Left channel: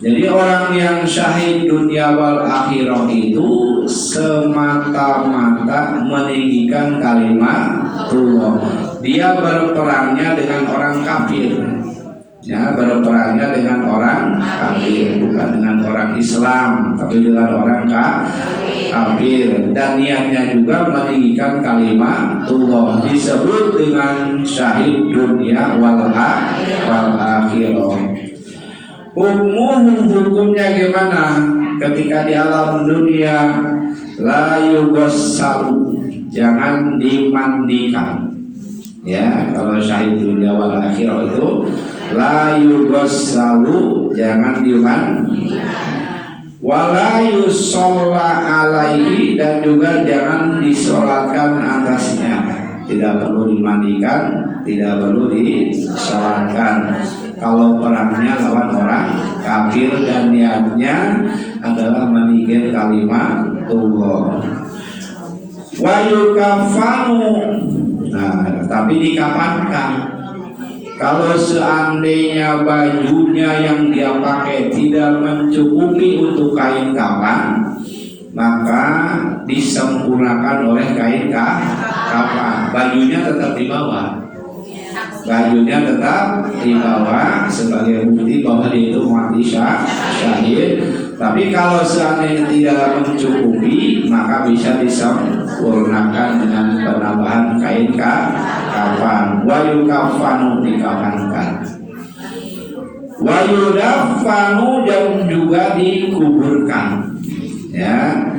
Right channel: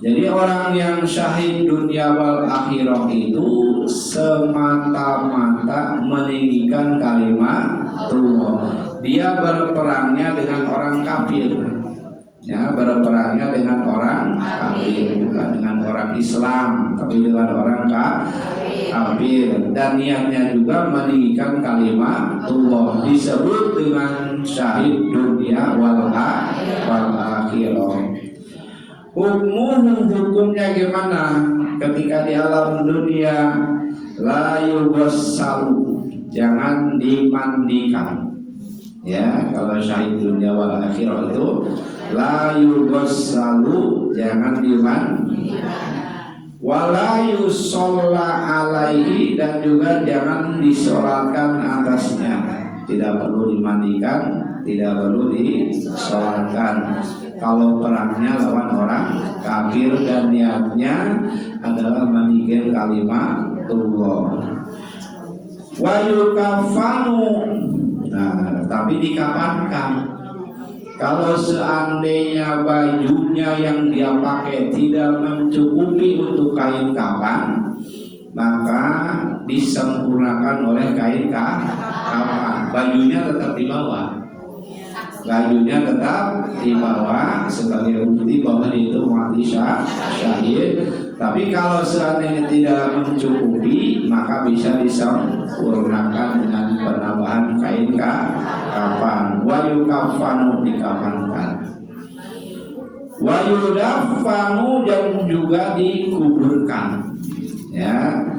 Jadi orang yang syahid dunia wal akhirah itu semata-mata meninggikan kalimat Allah. Dia berperangnya dengan orang kafir. Ya, berperangnya dengan orang kafir, bukan dengan orang Islam, tapi dengan orang kafir. Dan niatnya juga meninggikan kalimat Allah. Disebut dengan syahid dunia wal akhirah. Hukumnya gimana? Ketika di alam dunia la yughassalu, jangan dimandikan. Ya, kalau syahid dunia wal akhirah itu la yughassalu, jangan dimandikan. Wala yusalla alaihi, dan juga jangan disolatkan atasnya. Tidak perlu dimandikan, tidak perlu disolatkan. Kalau perangnya lawan orang kafir dan niatnya adalah meninggikan kalimat Allah. Wa yukafanu, nah tapi dikafankan. Kalau seandainya bajunya yang dia pakai tidak mencukupi untuk kain kafan, maka disempurnakan oleh kain kafan. Bajunya tetap dibawa. Bajunya tetap dibawa sebagai bukti bahwa dia itu mati syahid. Tapi kalau seandainya tidak mencukupi, maka bisa disempurnakan dengan penambahan kain kafan. Wa yukafanu, dikafankan. Wa yudaffanu, dan juga dikuburkan. Ya,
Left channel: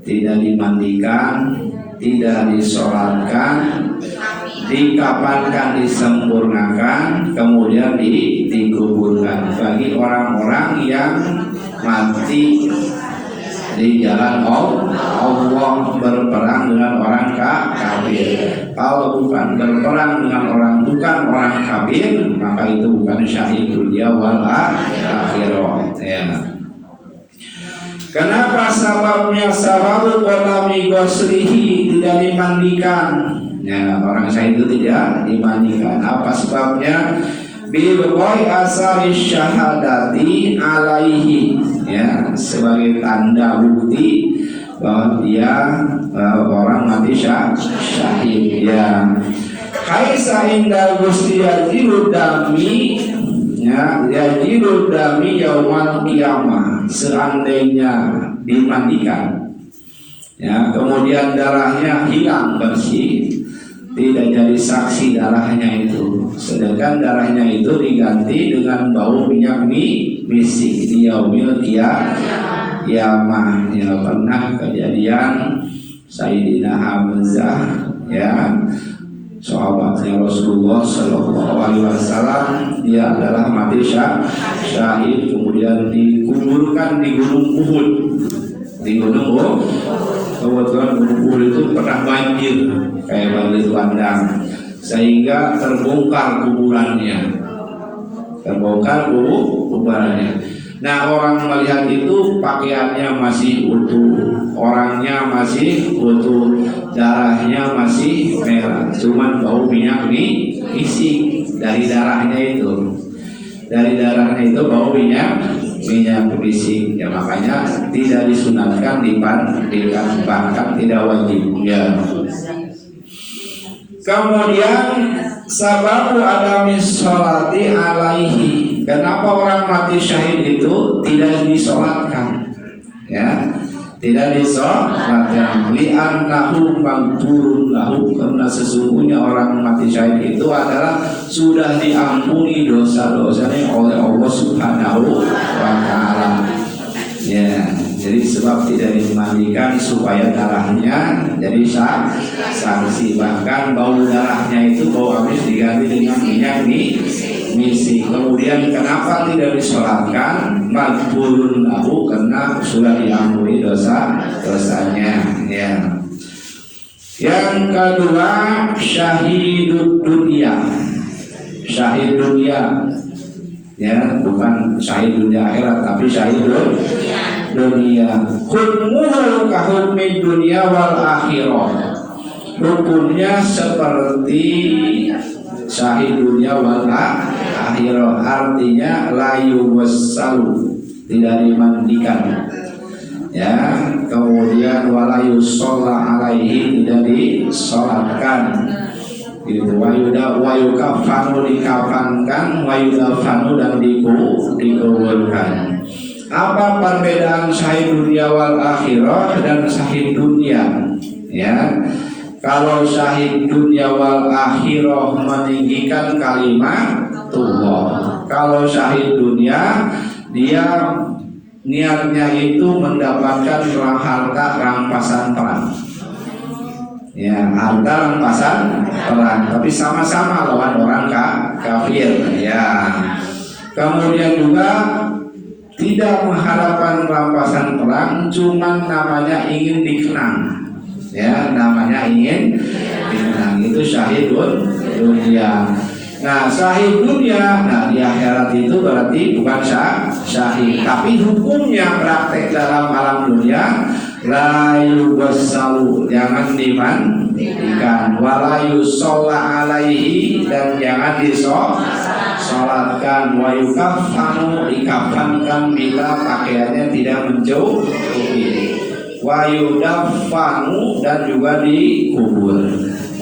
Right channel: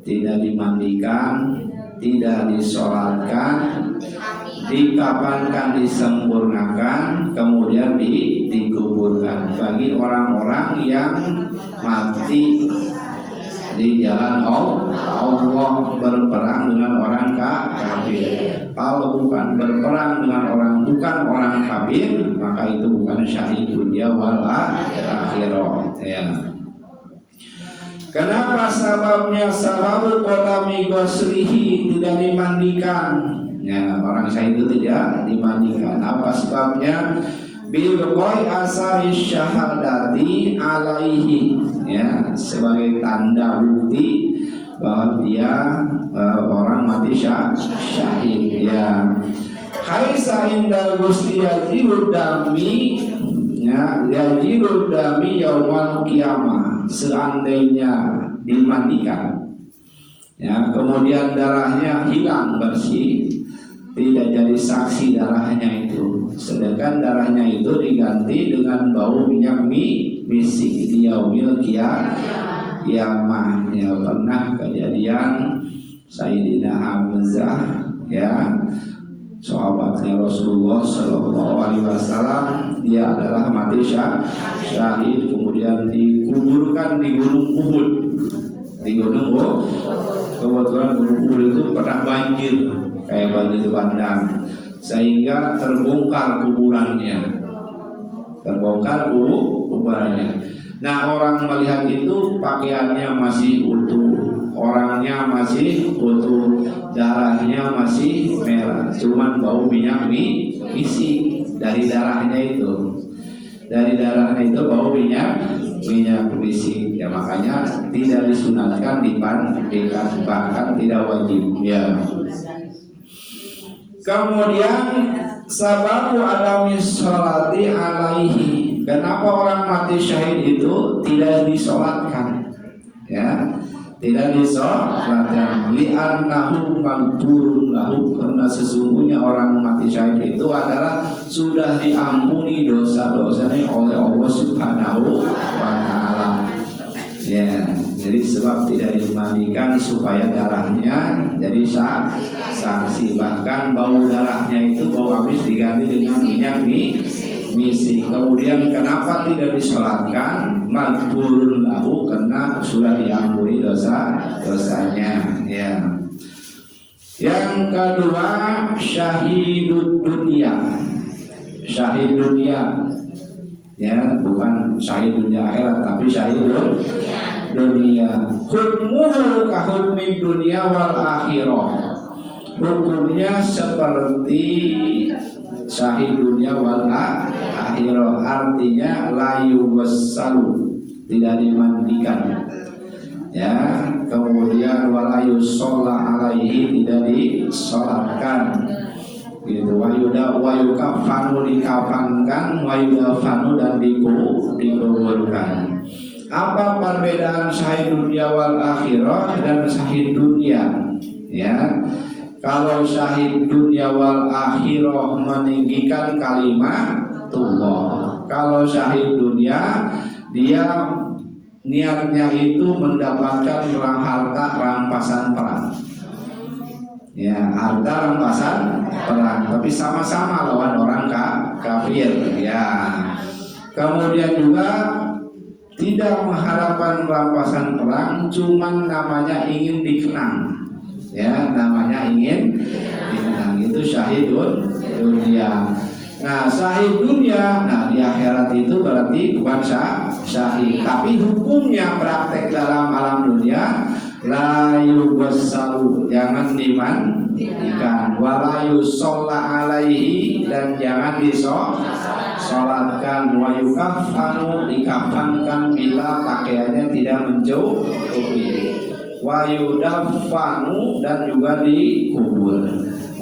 tidak dimandikan, tidak disolatkan, dikafankan, disempurnakan, kemudian dikuburkan. Bagi orang-orang yang mati di jalan Allah, berperang dengan orang kafir. Kalau bukan berperang dengan bukan orang kafir, maka itu bukan syahid dunia wal akhirah. Ya. Kenapa sababnya? Sababu qadami ghuslihi, tidak dimandikan. Ya, orang syahid itu tidak dimandikan. Apa sebabnya? Bilqai asari syahadati alaihi, ya, sebagai tanda bukti bahwa dia orang mati syahid. Ya, haisa indal gusti yajiru dami, ya, yajiru dami yaumal qiyamah, seandainya dimandikan, ya, kemudian darahnya hilang bersih, tidak jadi saksi darahnya itu, sedangkan darahnya itu diganti dengan bau minyak misik di yaumil qiyamah. Ya, pernah kejadian Sayyidina Hamzah, ya, sahabatnya Rasulullah Shallallahu Alaihi Wasallam, dia adalah mati syahid, kemudian dikuburkan di Gunung Uhud. Di Gunung Uhud, kebetulan Gunung Uhud itu pernah banjir kayak banjir bandang, sehingga terbongkar kuburannya. Nah, orang melihat itu pakaiannya masih utuh, orangnya masih utuh, darahnya masih merah, cuman bau minyak misik dari darahnya itu. Dari darahnya itu bau minyak misik. Ya, makanya tidak disunatkan dimandikan, bahkan tidak wajib. Ya. Kemudian sababu adami sholati alaihi, kenapa orang mati syahid itu tidak disolatkan? Ya, tidak disolatkan. Li'annahu maghfurun lahu, karena sesungguhnya orang mati syahid itu adalah sudah diampuni dosa-dosanya oleh Allah Subhanahu wa Ta'ala. Ya, jadi sebab tidak dimandikan supaya darahnya jadi sanksi. Bahkan bau darahnya itu bau amis diganti dengan minyak misik. Kemudian kenapa tidak disolatkan? Maghfurun lahu, karena sudah diampuni dosanya. Ya. Yang kedua, syahidud dunia. Syahid dunia, ya, bukan syahid dunia akhirat, tapi syahid dunia. Hukmuhu kahukmi dunia wal akhirah, hukumnya seperti syahid dunia wal akhirah, artinya layu wassalu, tidak dimandikan, ya. Kemudian walayu sholla alaihi, tidak disolatkan, gitu. Wayukafanu, dikafankan, wayudafanu, dan dikuburkan. Apa perbedaan syahid dunia wal akhirah dan syahid dunia? Ya, kalau syahid dunia wal akhirah meninggikan kalimatullah. Kalau syahid dunia, dia niatnya itu mendapatkan harta rampasan perang. Ya, harta rampasan perang, tapi sama-sama lawan orang kafir. Ya. Kemudian juga tidak mengharapkan rampasan perang, cuman namanya ingin dikenang. Ya, namanya ingin dikenang, itu syahidun dunia. Nah, syahid dunia, nah di akhirat itu berarti bukan syahid, tapi hukumnya praktek dalam alam dunia layu wasalu, jangan dimandikan, walayu sholla alaihi, dan jangan disolatkan, wayukafanu, dikafankan bila pakaiannya tidak mencukupi, wayudafanu, dan juga dikubur.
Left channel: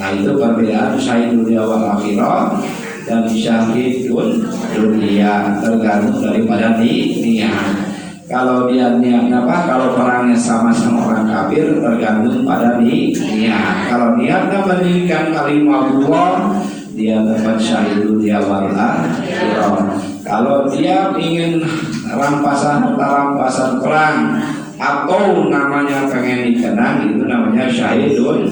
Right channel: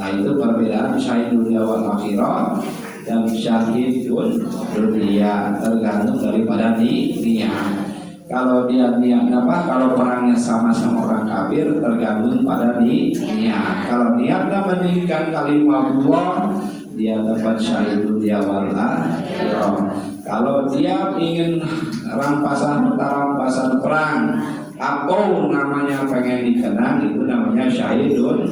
Nah, itu perbedaan syahid dunia wal akhirah dan syahidun dunia, tergantung daripada niat. Kalau dia niat apa? Kalau perangnya sama-sama orang kafir, tergantung pada niat. Kalau niatnya meninggikan kalimat Allah, dia dapat syahid dunia wal akhirah. Kalau dia ingin rampasan perang atau namanya pengen dikenang, itu namanya syahidun.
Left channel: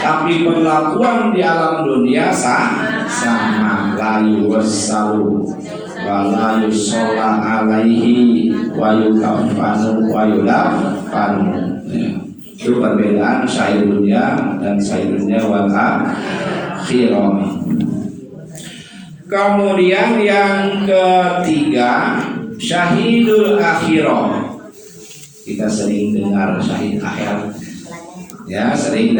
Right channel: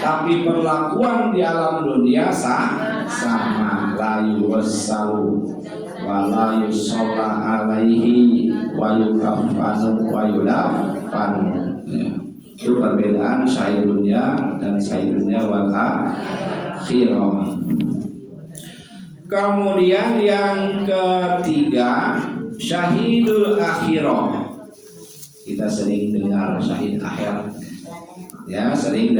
Tapi perlakuan di alam dunia sama, layu wassalu, walayu sholla alaihi, wayukafanu, wayudafanu. Itu perbedaan syahid dunia dan syahid dunia wal akhirah. Kemudian yang ketiga, syahidul akhirah. Kita sering dengar syahid akhirat, ya, sering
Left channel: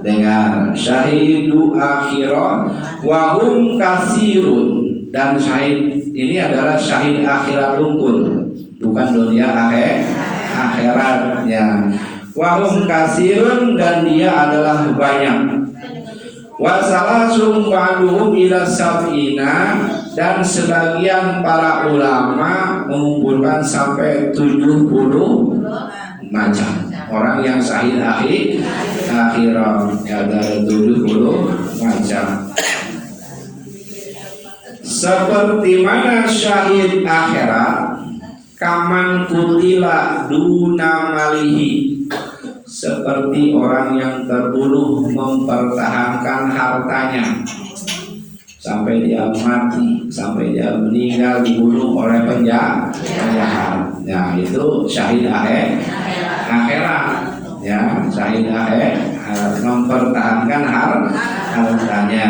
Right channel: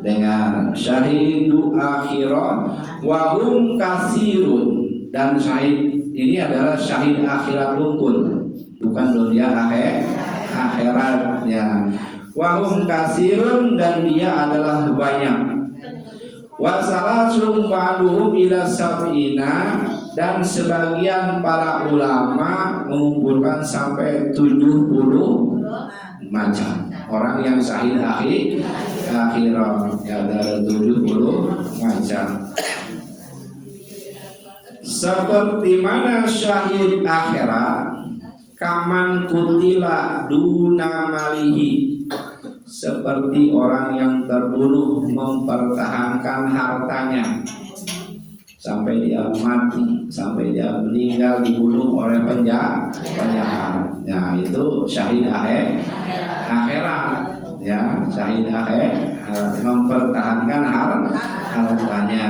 dengar syahidu akhirah wahum kasirun, dan syahid ini adalah syahid akhirat unggul, bukan dunia akhirat, ya. Wahum kasirun, dan dia adalah banyak. Wasalasum ba'duhum ila sab'ina, dan sebagian para ulama mengumpulkan sampai 70 macam orang yang syahid akhirat, ada 70 macam. Seperti mana syahid akhirat, kaman kutila duna malihi, seperti orang yang terbunuh mempertahankan hartanya sampai dia mati, sampai dia meninggal dibunuh oleh penjahat. Ya, itu syahid akhirat, ya, syahid akhirat, mempertahankan hartanya.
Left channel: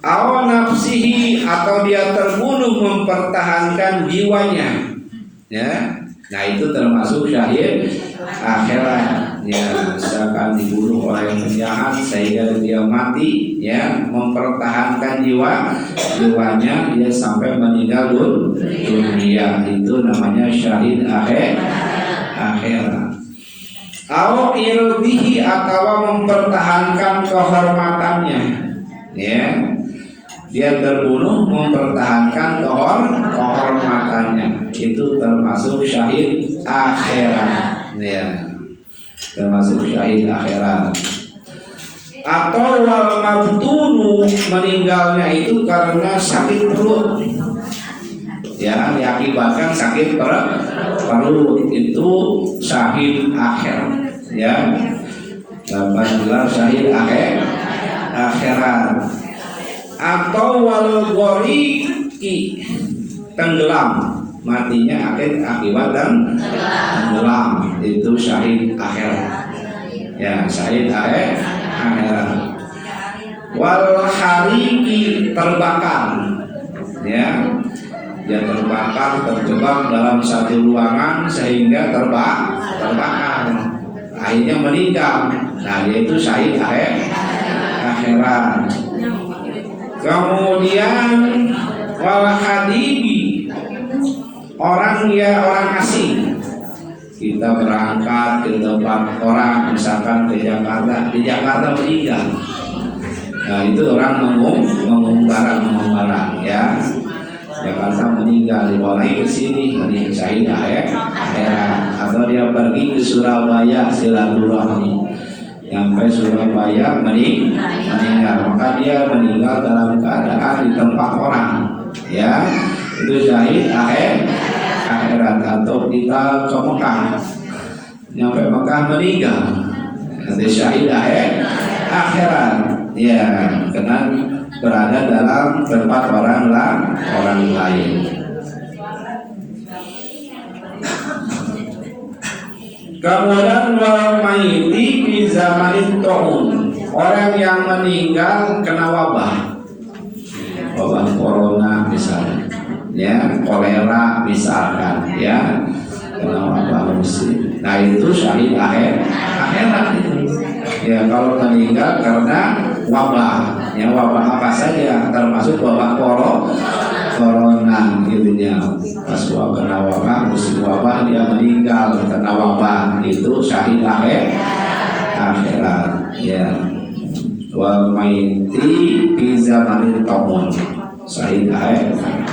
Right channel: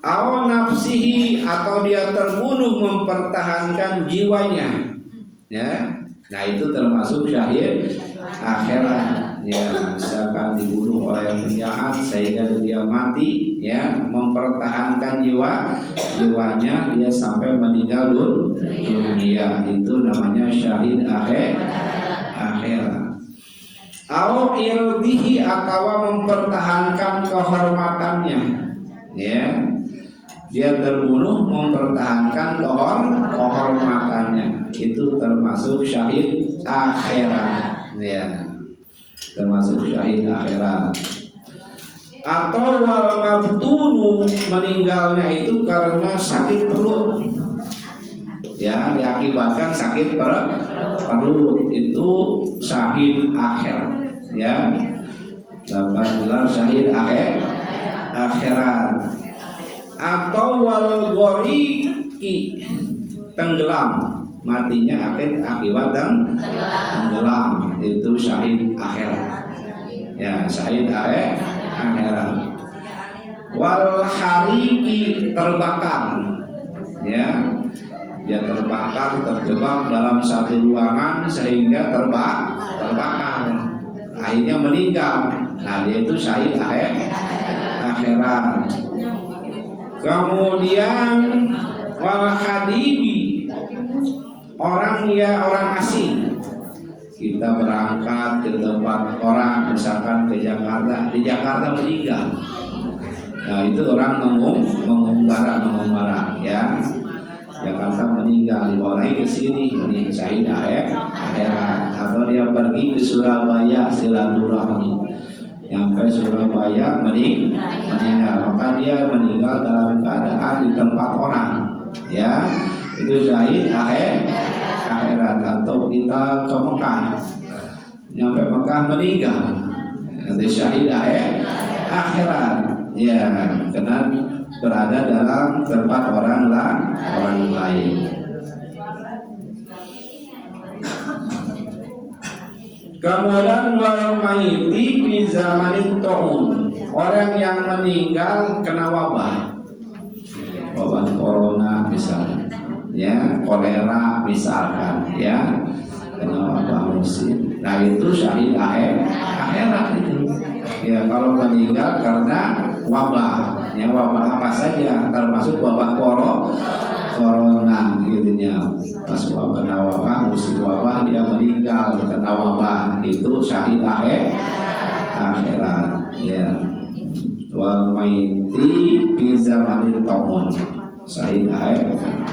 Aw nafsihi, atau dia terbunuh mempertahankan jiwanya, ya. Nah, itu termasuk syahid akhirat, ya. Misalkan dibunuh oleh penjahat sehingga dia mati, ya, mempertahankan jiwanya dia sampai meninggal dunia, itu namanya syahid akhirat. Aw irdihi, atau mempertahankan kehormatannya, ya. Dia terbunuh mempertahankan kehormatannya, itu termasuk syahid akhirat, ya, termasuk syahid akhirat. Atau wal mabtunu, meninggalnya itu karena sakit perut, ya, diakibatkan sakit perut, itu syahid akhirat, ya, dapat gelar syahid akhirat. Atau wal ghariki, tenggelam, matinya akibat tenggelam, itu syahid akhirat, ya, syahid akhirat. Wal hariki, terbakar, ya, dia terbakar, terjebak dalam satu ruangan sehingga terbakar, akhirnya meninggal. Nah, dia itu syahid akhirat. akhirat. Kemudian wal hadibi, orang asing. Kita berangkat ke tempat orang, misalkan ke Jakarta, di Jakarta meninggal. Nah itu orang mengumbar ya. Jakarta meninggal, dibawa lagi ke sini, ini Syahidah ya. Atau dia pergi ke Surabaya silaturahmi, sampai Surabaya meninggal, maka dia meninggal dalam keadaan di tempat orang, ya itu syahid akhirat. Atau kita ke Mekah, sampai Mekah meninggal, itu syahid akhirat, ya karena berada dalam tempat orang lain. Kemudian wal mayyiti fi zamanin ta'un, orang yang meninggal kena wabah corona misalnya, ya kolera misalkan, ya kena wabah musim. Nah itu syahid akhirat itu. Ya kalau meninggal karena wabah, ya wabah apa saja, termasuk wabah corona gitu ya. Pas kena wabah, musim wabah dia meninggal karena wabah, itu syahid akhirat, ya. Wa maiti fi zamanin tamun, syahid akhirat.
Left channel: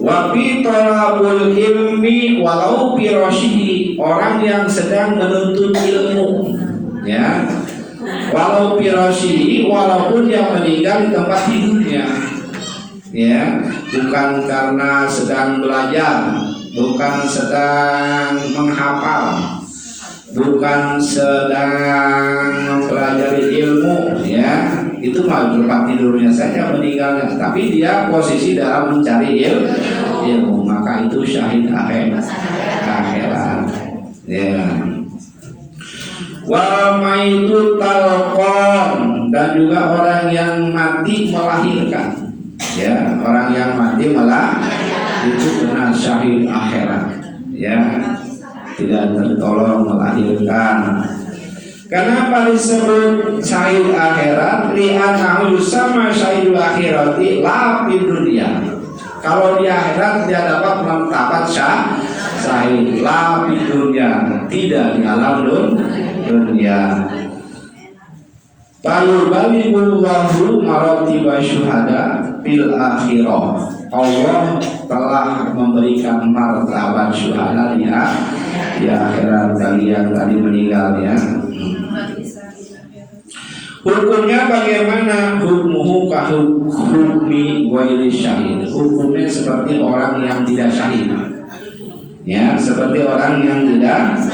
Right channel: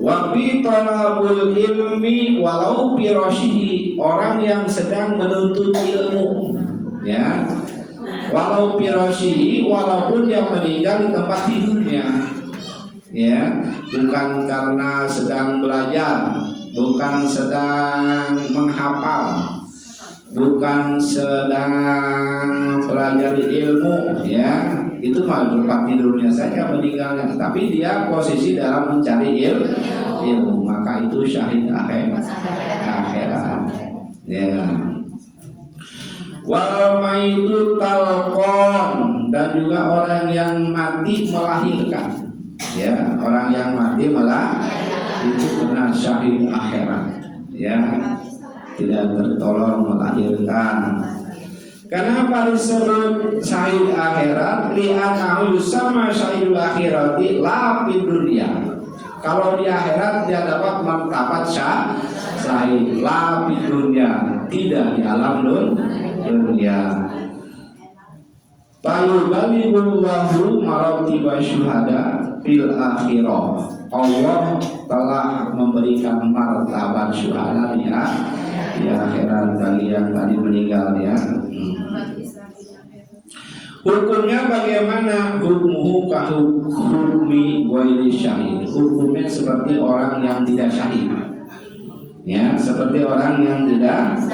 Wa fi talabul ilmi walau fi rasyihi, orang yang sedang menuntut ilmu, ya walau firasyihi, walaupun dia meninggal di tempat tidurnya, ya bukan karena sedang belajar, bukan sedang menghafal, bukan sedang mempelajari ilmu, ya itu mah tempat tidurnya saja meninggalnya, tapi dia posisi dalam mencari ilmu, maka itu syahid akhirat, ya. Wal maitu talqon, dan juga orang yang mati melahirkan, ya orang yang mati itu kena syahid akhirat, ya tidak tertolong melahirkan. Kenapa disebut syahid akhirat? Li'annahu sama syahidul akhirati la fid dunya. Kalau di akhirat dia dapat mendapat syahid la fid dunya, tidak di alam dunia. Balibullahu maratiba syuhada fil akhirah. Allah telah memberikan martabat syuhada di akhirat bagi yang tadi meninggal, ya. Hukumnya bagaimana? Hukmuhu kahukmi ghairi syahid. Hukumnya seperti orang yang tidak syahid, ya seperti orang yang tidak.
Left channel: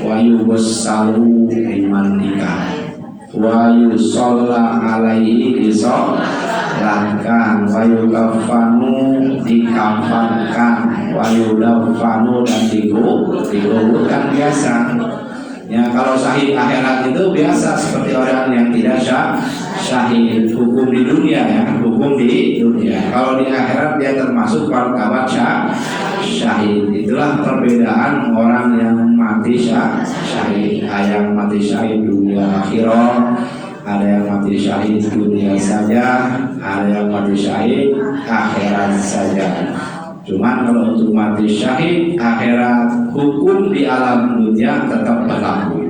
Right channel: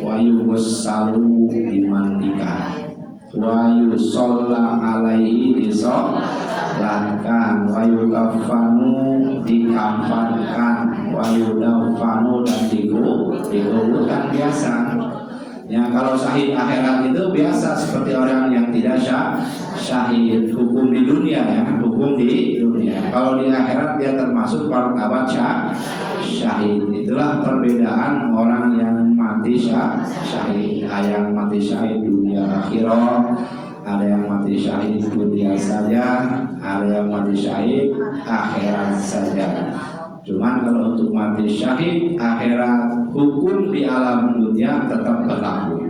Wa yussallu dimandikan, wa yusalla alaihi disolatkan, wa yukafanu dikafankan, wa yudafanu dan dikuburkan biasa. Ya kalau syahid akhirat itu biasa seperti orang yang tidak syahid, hukum di dunia, ya hukum di dunia. Kalau di akhirat dia termasuk martabat syahid. Itulah perbedaan orang yang mati syahid. Ada yang mati syahid dunia akhirat, ada yang mati syahid dunia saja, ada yang mati syahid akhirat saja. Cuman kalau untuk mati syahid akhirat, hukum di alam dunia tetap berlaku,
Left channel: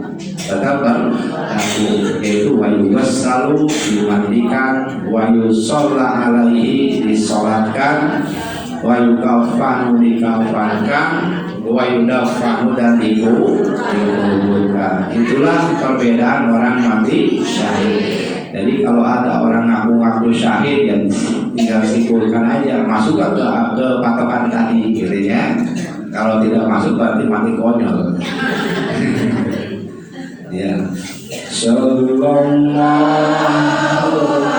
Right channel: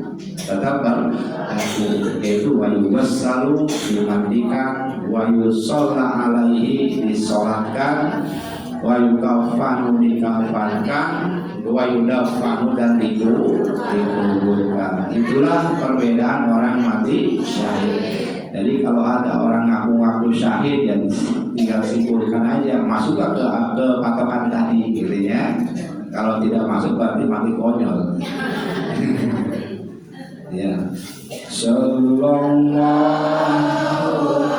yaitu wayu selalu dimandikan, wayu sholat alaihi disolatkan, wayu kafanu dikafankan, wayu dafanu dan dikuburkan. Itulah perbedaan orang mati syahid. Jadi kalau ada orang ngaku-ngaku syahid, ya tinggal simpulkan aja, masuk ke patokan tadi, gitu ya. Kalau tidak masuk berarti mati konyol. Ya. Sallallahu alaihi wasallam.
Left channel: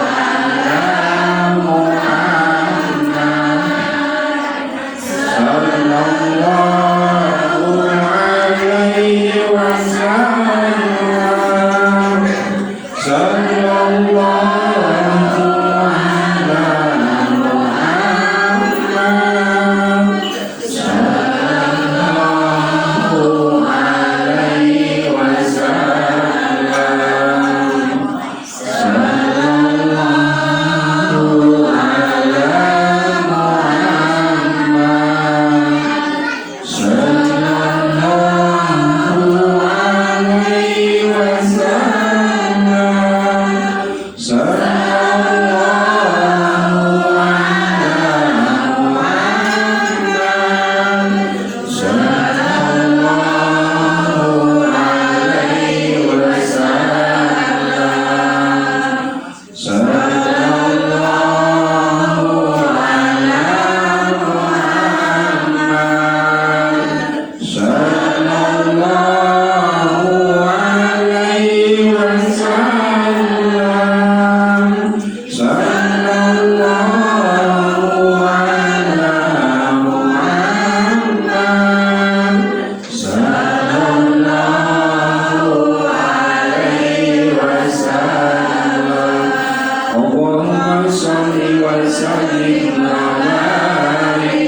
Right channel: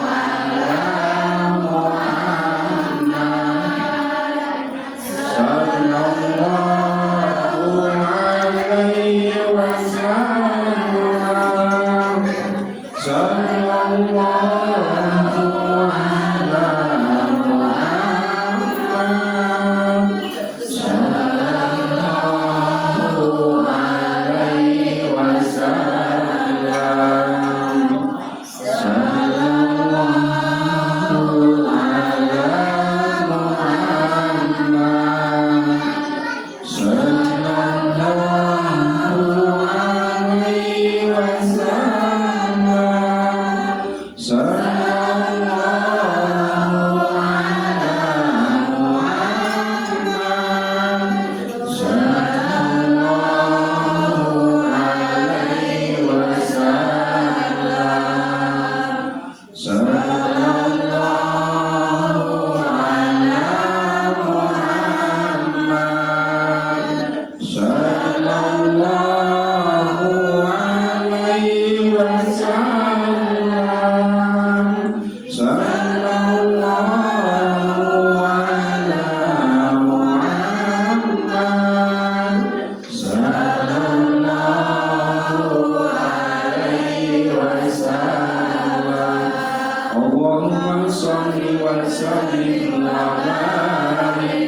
barik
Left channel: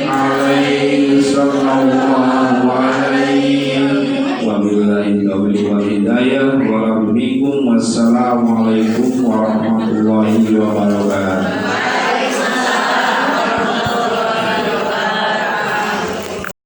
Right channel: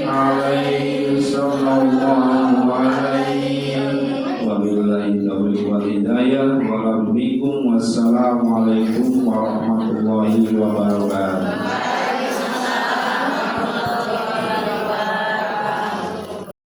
alaihi sallallahu alaihi wabillahi wal hidayah. Wassalamualaikum warahmatullahi wabarakatuh.